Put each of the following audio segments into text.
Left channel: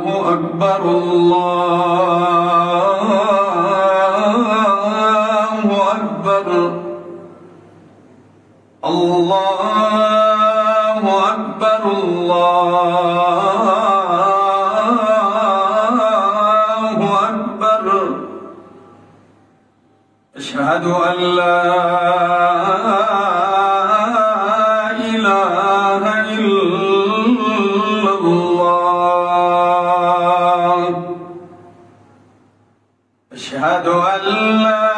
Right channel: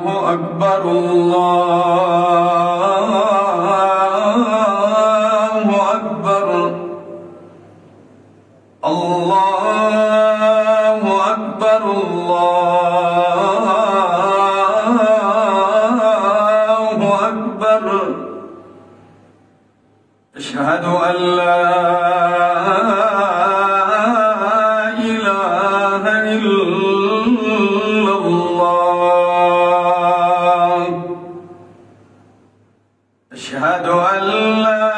الله أكبر الله أكبر الله أكبر الله أكبر أشهد أن لا إله إلا الله أشهد أن لا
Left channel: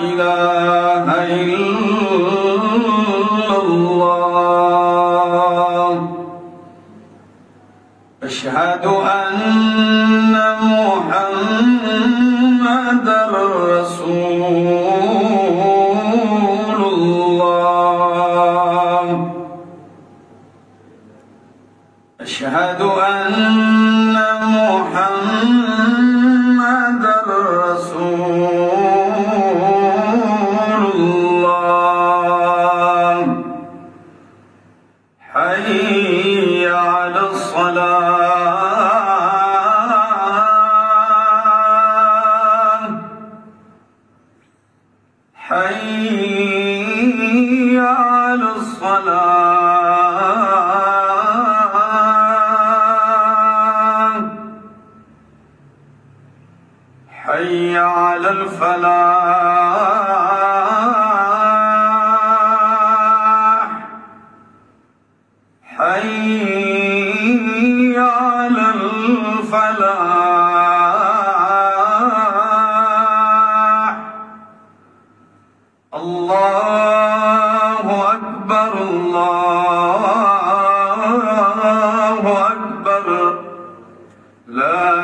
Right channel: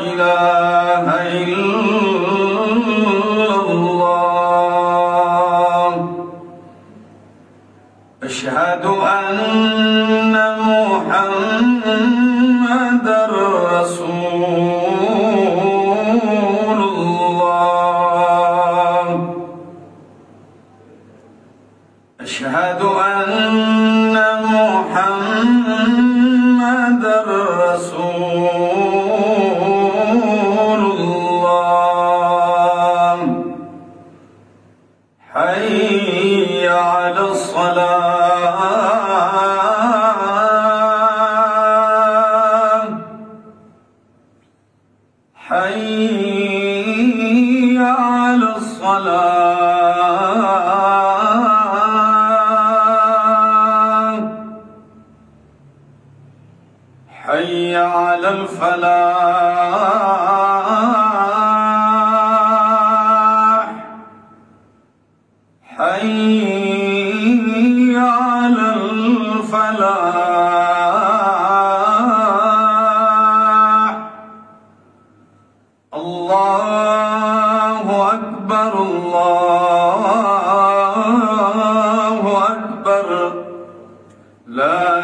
إله إلا الله أشهد أن محمدًا رسول الله أشهد أن محمدًا رسول الله حي على الصلاة حي على الصلاة حي على الفلاح حي على الفلاح الله أكبر الله أكبر لا